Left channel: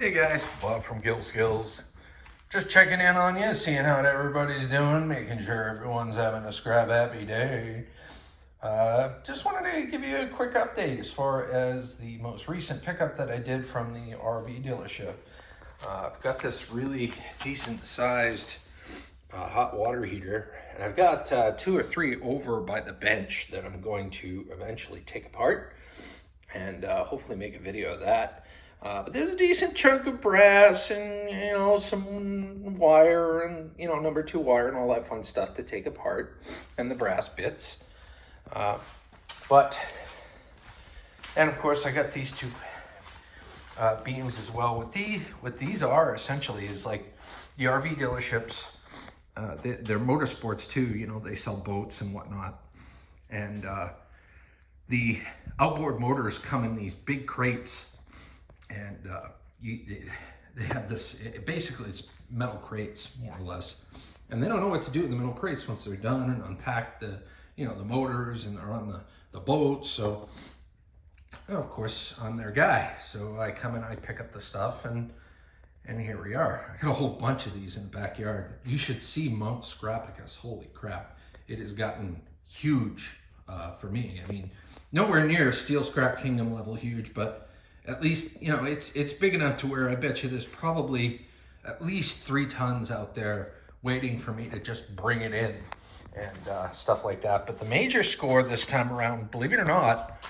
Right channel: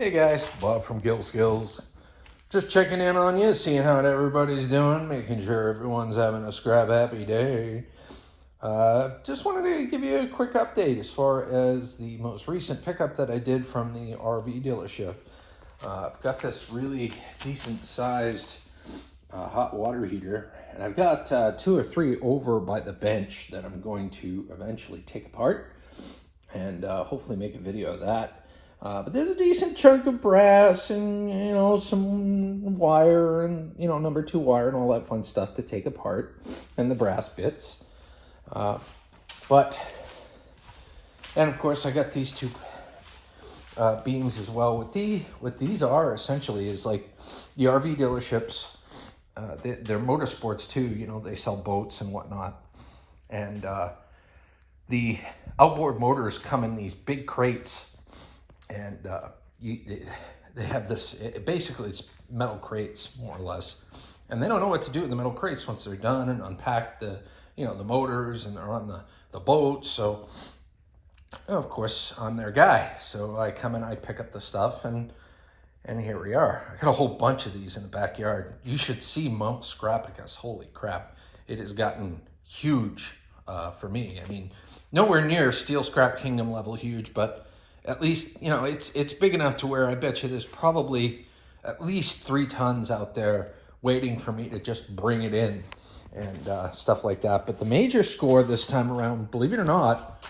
Hey guys, Bob from Gill Skills. Just checking in on you, seeing how everybody's doing, making sure everyone's having a scrap happy day. Just wanted to give you a quick update as far as the most recent pickup that I did from the RV dealership. I've got this really decent sized hot water heater, and I've got 2 or 3 over by the bench that I'm going to eventually take apart and hopefully make a video of that. But there's a decent chunk of brass and, some wire and, number 2 wire and all that fun stuff to take apart, and the brass bits. And of course I got these 2 beams as well. What these are essentially is like the RV dealerships, they're motorsports too, they sell boats and whatnot. And the outboard motors come in these big crates. And they have this, basically it's metal crates, more or less. And they don't know what to do with the metal crates once they're done and unpack the motors and they're on the boat. So, of course, I'm their guy. So I come in, I pick up the stuff, and here we are. I got a whole bunch of these in the backyard. You should see Mount Scrapicus. Holy crap. It has gotten huge for me. I mean, nowhere near Steel Scrap Kingdom level huge, but at least, it's big enough to where I bet you there's probably at least 3 tons out there waiting for me to just bring it in and stuff like that. But the major score this time around, believe it or not,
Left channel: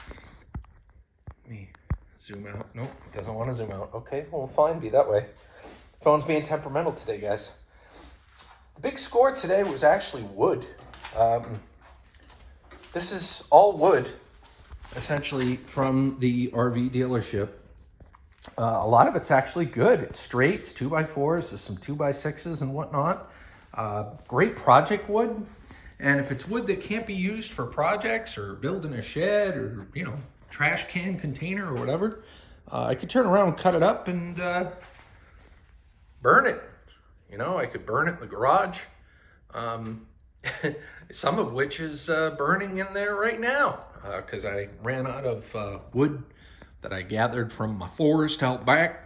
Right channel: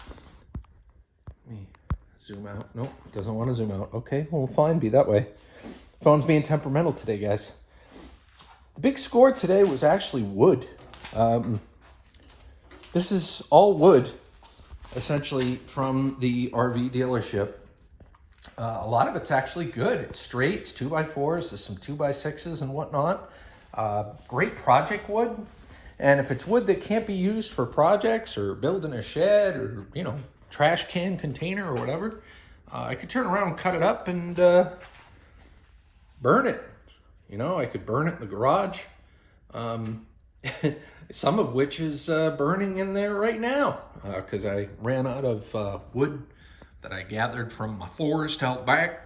let me zoom out. Nope, it doesn't want to zoom out. Okay, well, fine, be that way. Phone's being temperamental today, guys. The big score today was actually wood. This is all wood, essentially, from the RV dealership. A lot of it's actually good. It's straight, it's 2x4s, there's some 2x6s and whatnot. Great project wood. And if it's wood that can't be used for projects or building a shed or, trash can container or whatever, I could turn around and cut it up and burn it. I could burn it in the garage. Some of which is burning in there right now because I ran out of wood that I gathered from my forest out back.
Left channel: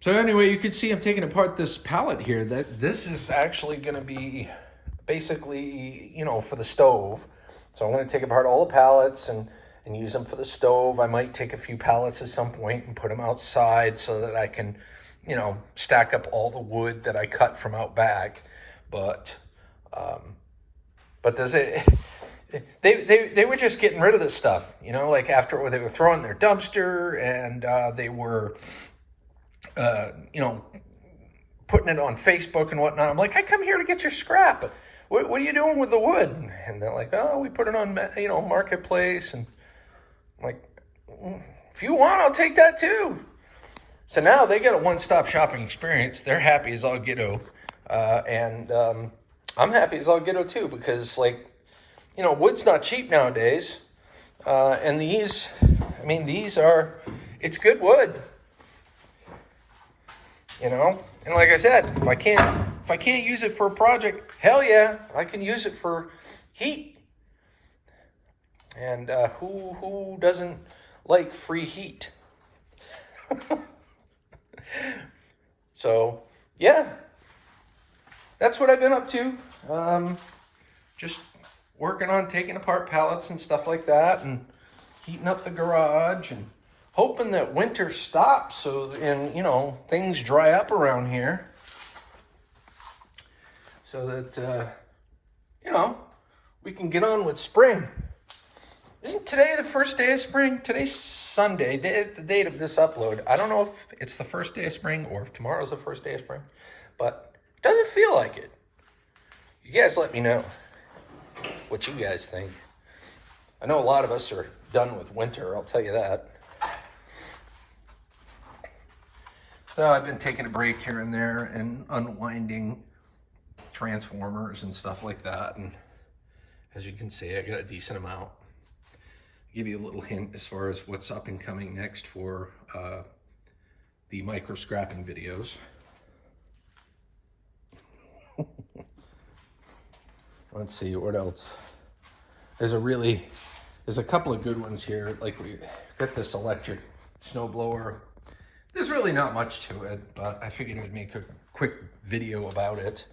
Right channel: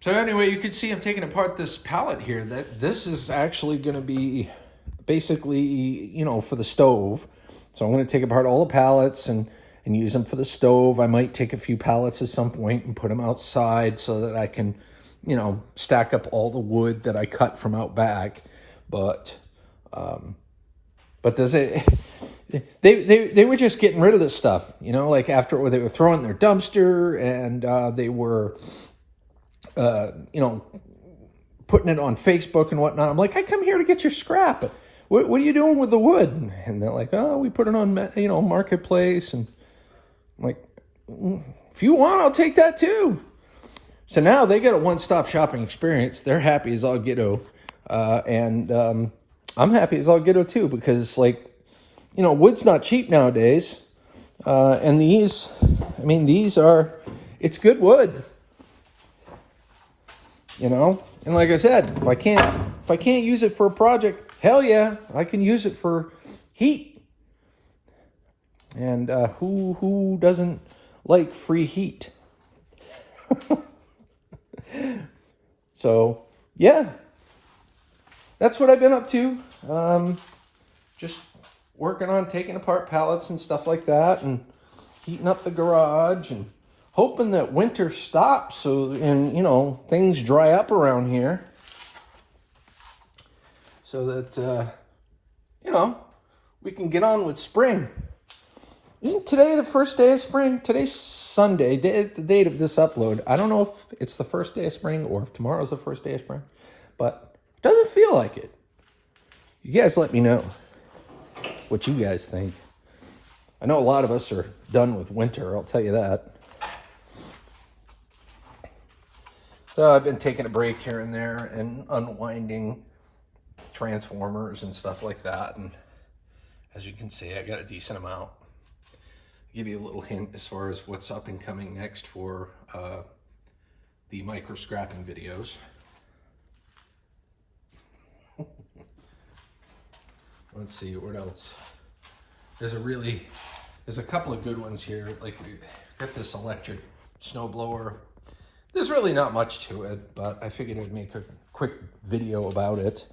So anyway, you can see I'm taking apart this pallet here. This is actually going to be basically, for the stove. So I'm going to take apart all the pallets and use them for the stove. I might take a few pallets at some point and put them outside so that I can, stack up all the wood that I cut from out back. But does it? They were just getting rid of this stuff, like after they were throwing their dumpster and they were, putting it on Facebook and whatnot. I'm like, I come here to get your scrap. What are you doing with the wood? And they're like, oh, we put it on, Marketplace. And I'm like, if you want, I'll take that too. So now they got a one-stop shopping experience. They're happy as all get-o. And I'm happy as all get-o too, because wood's not cheap nowadays. And these are, it's good wood. And like I said, if I can't use it for a project, hell yeah, I can use it for heat. And who doesn't like free heat? So yeah, that's what I've been up to. Just working on taking apart pallets and stuff like that, and heating up the garage, and hoping that winter stops and things dry up around here, so that we can get on with spring. Isn't today the first day of spring? Today's Sunday, the date of this upload. I don't know if it's the first day of spring or if tomorrow's the first day of spring, but it doesn't feel like it. You guys let me know what you guys think. I know a lot of us are done with winter, I'll tell you that. So I've been taking a break here and there and unwinding transformers and stuff like that. And as you can see, I got a decent amount. Give you a little hint as far as what's up and coming next for the micro scrapping videos. Let's see, what else? There's a couple of good ones here. Like we got this electric snowblower There's really not much to it, but I figured I'd make a quick video about it.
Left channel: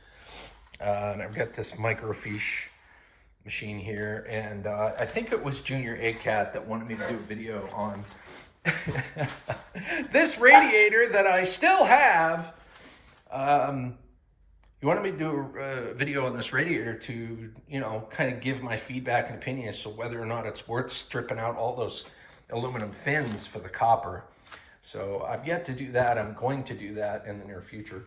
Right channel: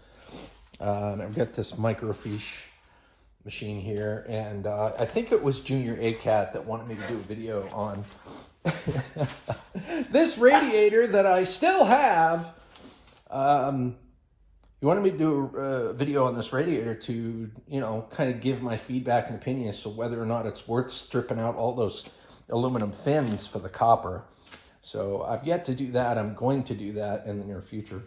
And I've got this microfiche machine here, and I think it was Junior ACAT that wanted me to do a video on this radiator that I still have. He wanted me to do a video on this radiator to, you know, kind of give my feedback and opinion as to whether or not it's worth stripping out all those aluminum fins for the copper. So I've yet to do that. I'm going to do that in the near future.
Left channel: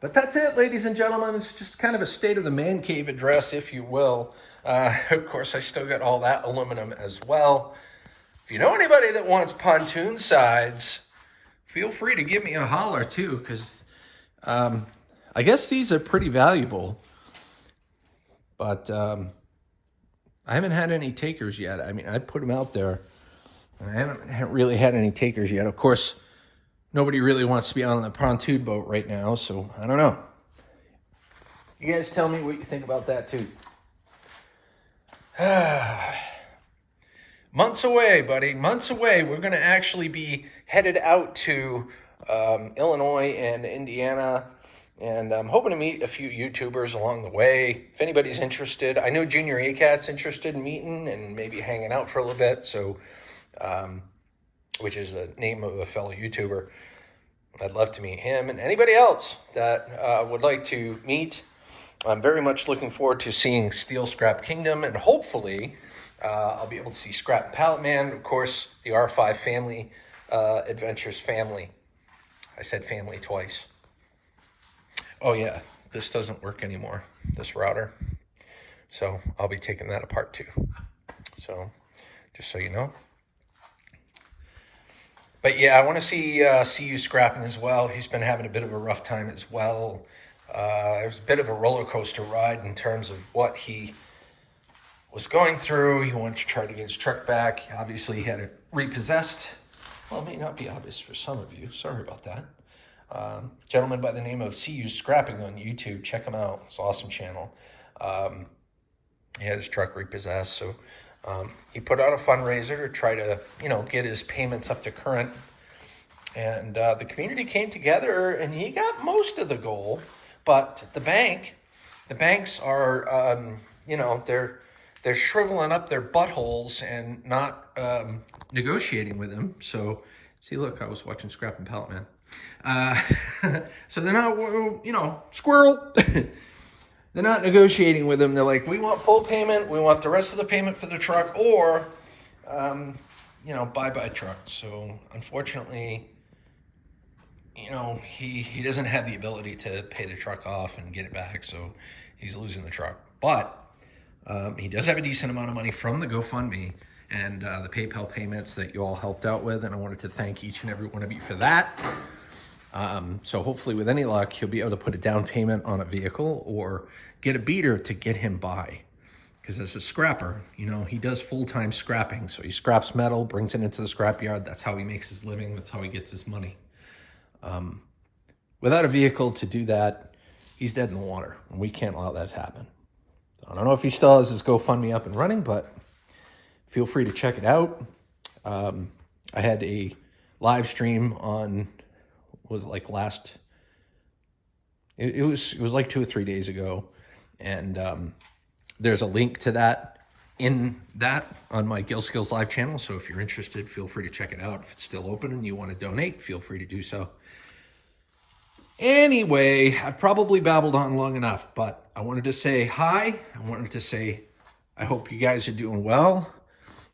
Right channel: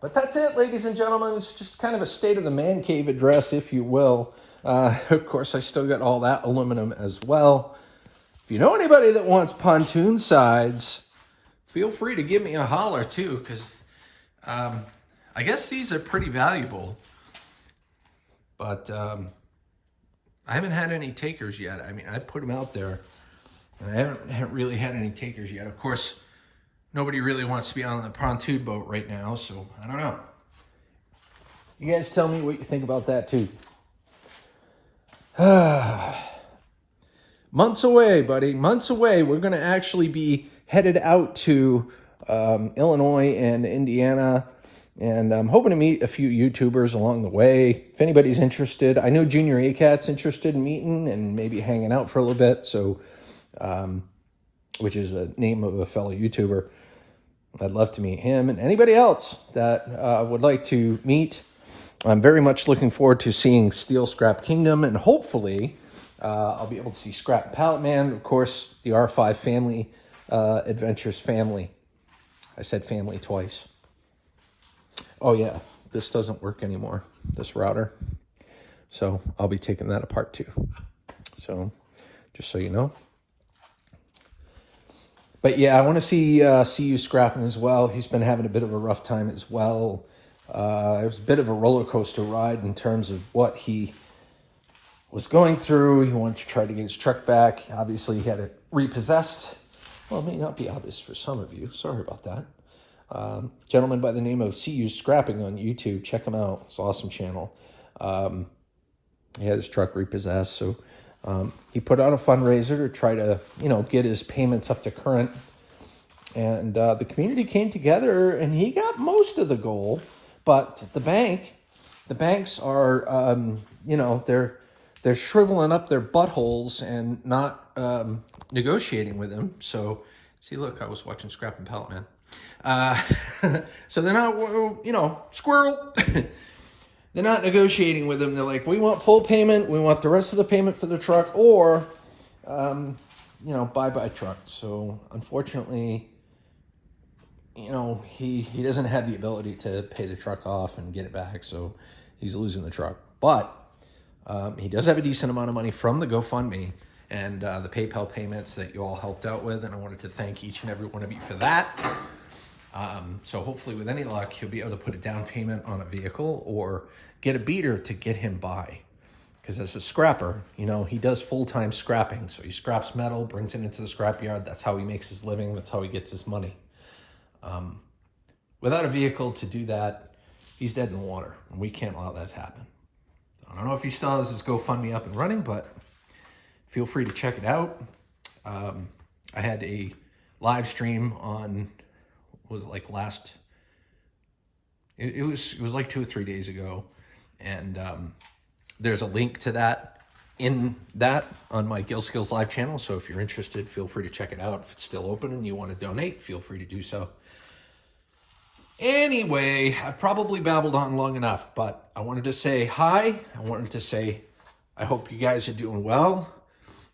But that's it, ladies and gentlemen. It's just kind of a state of the man cave address, if you will. Of course, I still got all that aluminum as well. If you know anybody that wants pontoon sides, feel free to give me a holler too, because I guess these are pretty valuable. But I haven't had any takers yet. I mean, I put them out there, and I haven't really had any takers yet. Of course, nobody really wants to be on the pontoon boat right now, so I don't know. You guys tell me what you think about that too. Months away, buddy. Months away. We're going to actually be headed out to Illinois and Indiana, and I'm hoping to meet a few YouTubers along the way. If anybody's interested, I know Junior ACAT's interested in meeting and maybe hanging out for a little bit, so which is a name of a fellow YouTuber. I'd love to meet him and anybody else that would like to meet. I'm very much looking forward to seeing Steel Scrap Kingdom, and hopefully I'll be able to see Scrap Pallet Man, of course, the R5 family, Adventures family. I said family twice. Oh yeah, this doesn't work anymore, this router. So I'll be taking that apart too. So just so you know. But yeah, I want to see you scrapping as well. He's been having a bit of a rough time as well. It was a bit of a roller coaster ride in terms of what he was going through. He wanted to try to get his truck back. Obviously, he had it repossessed. Well, it may not be obvious for some of you. Sorry about that. Gentleman by the name of CU Scrapping on YouTube. Check him out. It's an awesome channel. He had his truck repossessed, so he put out a fundraiser to try to, you know, get his payments up to current. And the community came together, and he got most of the goal. But the banks are, you know, they're shriveling up their buttholes and not negotiating with him. So, see, look, I was watching Scrap and Pallet Man. So they're not, you know, squirrel. They're not negotiating with him. They're like, we want full payment. We want the rest of the payment for the truck, or, you know, bye-bye truck. So, unfortunately, you know, he doesn't have the ability to pay the truck off and get it back, so he's losing the truck. But he does have a decent amount of money from the GoFundMe and the PayPal payments that you all helped out with, and I wanted to thank each and every one of you for that. So hopefully, with any luck, he'll be able to put a down payment on a vehicle or get a beater to get him by. Because as a scrapper, you know, he does full-time scrapping. So he scraps metal, brings it into the scrapyard. That's how he makes his living. That's how he gets his money. Without a vehicle to do that, he's dead in the water, and we can't allow that to happen. So I don't know if he still has his GoFundMe up and running, but feel free to check it out. I had a live stream on, was like last, it was like 2 or 3 days ago, and there's a link to that in that on my Gill Skills Live channel. So if you're interested, feel free to check it out. If it's still open and you want to donate, feel free to do so. Anyway, I've probably babbled on long enough, but I wanted to say hi. I wanted to say I hope you guys are doing well.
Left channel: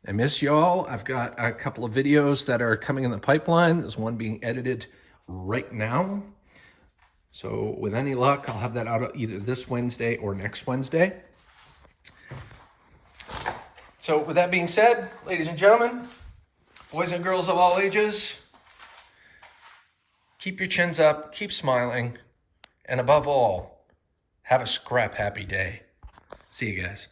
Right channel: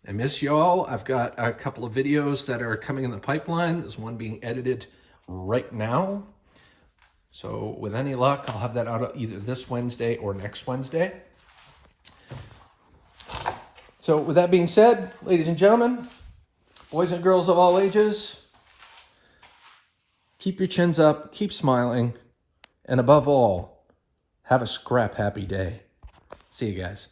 I miss y'all. I've got a couple of videos that are coming in the pipeline. There's one being edited right now. So with any luck, I'll have that out either this Wednesday or next Wednesday. So with that being said, ladies and gentlemen, boys and girls of all ages, keep your chins up, keep smiling, and above all, have a scrap happy day. See you guys.